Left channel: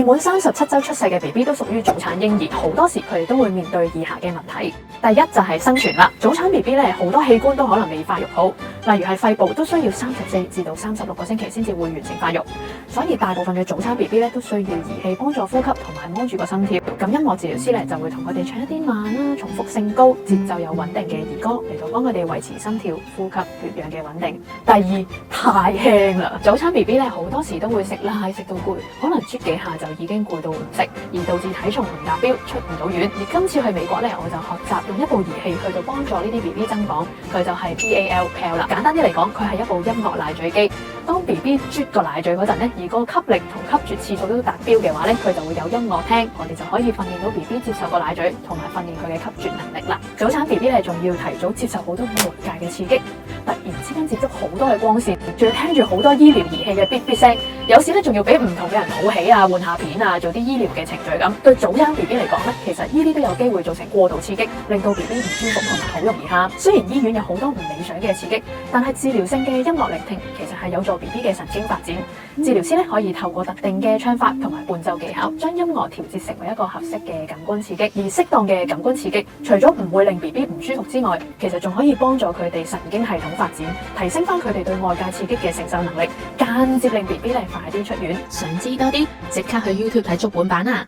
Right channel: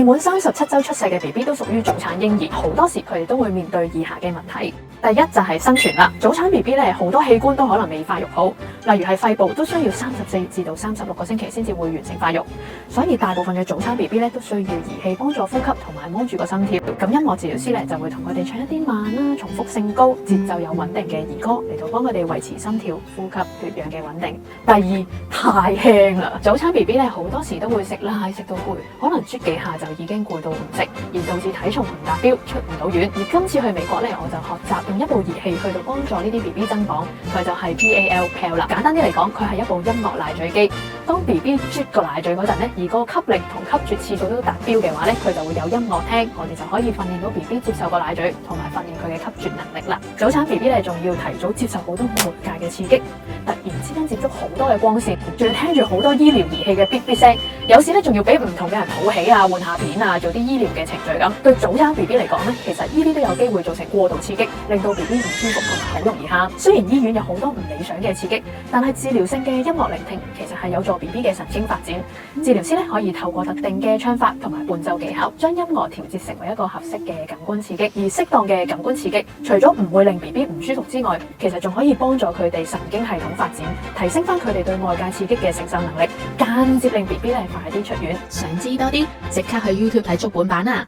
未滿37週出世嘅 BB 都屬於早產嬰兒，好多時佢哋都會面對以下嘅問題。第一就係生存啦，早產 BB 咧好多器官都可能未發育好，例如係肺部都需要34至到36個星期先至會完成發育，所以大部分嘅早產 BB 咧都需要儀器幫助呼吸同埋摸住個心跳。咁音樂治療師咧就會同佢哋唱一啲慢啦、重複性高、節奏有穩定嘅兒歌嚟到幫佢哋維持心跳、呼吸、血氧嘅穩定。第二，太輕啦，早產 BB 咧好多時都會食奶食到攰，可能啜幾下就已經攰到唔食，而導致體重唔達標，出唔到院。而今次去美國咧，我就學習用一部儀器去到幫助呢啲 BB 增磅，佢就係 PAL 啦。簡單啲嚟講，佢係一部音樂奶嘴機。當 BB 啜個奶嘴嗰陣咧，而個吸力同吸啜次數都達標嘅話咧，佢就會有音樂聽，我哋就可以訓練到 BB 接受個奶嘴，同埋訓練佢嘅吸啜能力啦。早產 BB 咧仲要提早接受好多外界嘅刺激，突然之間接觸好多嘅光線，仲要聽住好多醫療儀器嘅嗶嗶聲，有時咧仲要俾唔同嘅人抱起啊、換下片啊，做啲醫療嘅程序咁。對早產 BB 嚟講咧，其實呢啲都有機會造成過度刺激，令到 BB 唔舒服同埋好容易喊。雖然醫院有好多唔理想嘅刺激，但係治療性嘅音樂聆聽其實係有助 BB 嘅神經發展。治療師咧可以透過特定嘅唱法同埋伴奏技巧，將音樂調節成為一個合適嘅感官刺激。而適當嘅感官刺激，除咗唔會令 BB 唔舒服之外，其實仲可以幫助佢哋神經系統發展，提升翻佢哋對外界刺激嘅承受能力，間接令 BB 咧快啲出院。想知多啲，即刻去 YouTube 睇足本版啊！